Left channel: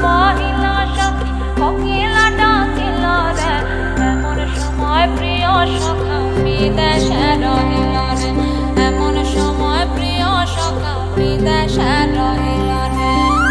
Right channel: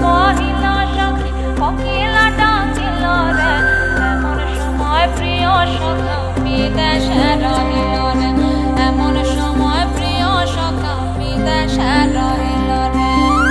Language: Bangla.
বহিলা সখী কোকিলা ডাকিল রে এমন সময় প্রিয় সখা বিদেশে রহিল রে এমন সময় প্রিয় সখা বিদেশে রহিল রে